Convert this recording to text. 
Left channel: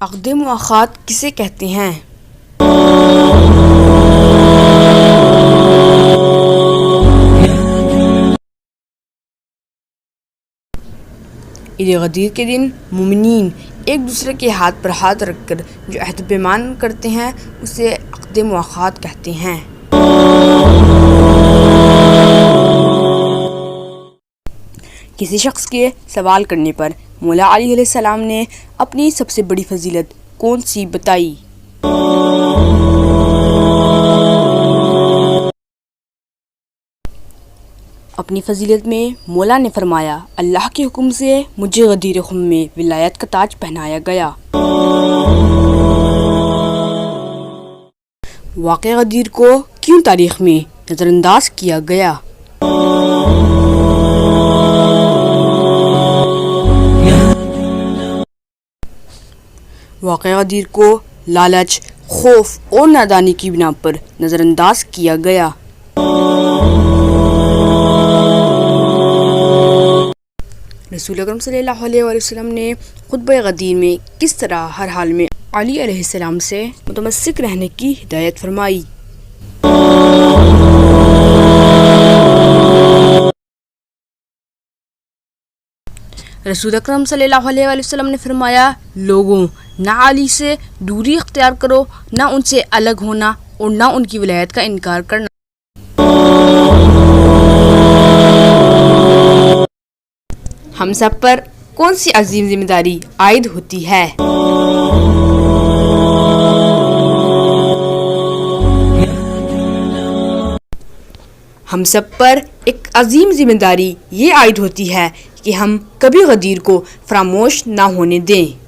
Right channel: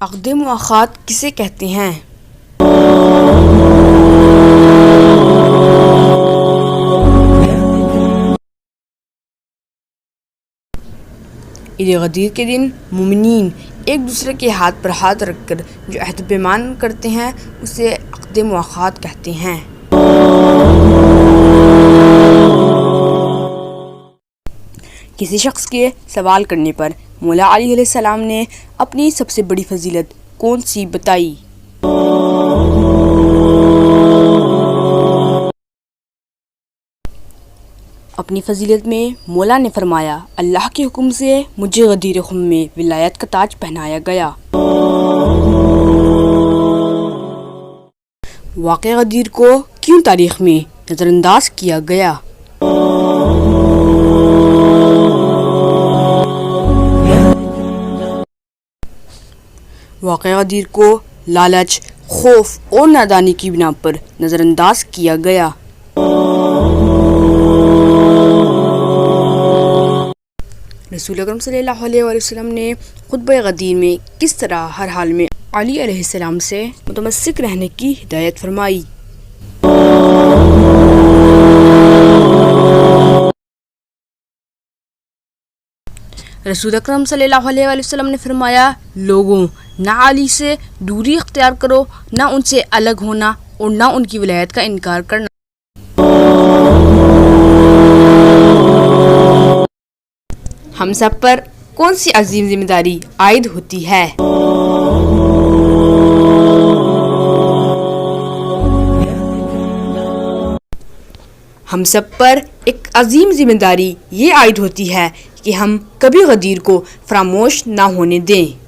عقد مؤاخات کسے کہتے ہیں؟ عید غدیر کے دن مومنین ایک دوسرے کے ہاتھ پر ہاتھ رکھ کر جو عہد پیمان کرتے ہیں اسے عقد مؤاخات کہتے ہیں۔ کسی شخص کے سوال کرنے پر مولا علی علیہ السلام نے اپنی سب سے بڑی فضیلت کون سی بتائی؟ اپنی فضیلت میں مولا نے فرمایا، اللہ کے حکم سے مجھے غدیر خم میں ولایت کا تاج پہنایا گیا۔ واقعہ غدیر کو کیوں تاریخ میں نظر انداز کیا گیا؟ واقعہ غدیر کو لالچ، خوف اور نادانی کی بنا پر نظر انداز کیا گیا۔ رسول اکرم صلی اللہ علیہ وسلم نے خطبہ غدیر میں کس طرح ہر حال میں علی علیہ السلام سے متمسک رہنے کی ہدایت فرمائی؟ رسول اکرم صلی اللہ علیہ وسلم نے فرمایا، لوگوں نہ علی سے دوری اختیار کرو، نہ ان سے الگ ہونا اور نہ ان کی ولایت کا انکار کرنا۔ ہم سب پر کون سی عظیم ذمہ داری عائد ہوتی ہے؟ ہم سب پر ایک عظیم ذمہ داری یہ عائد ہوتی ہے کہ ہم کبھی غدیر کو فراموش نہ ہونے دیں۔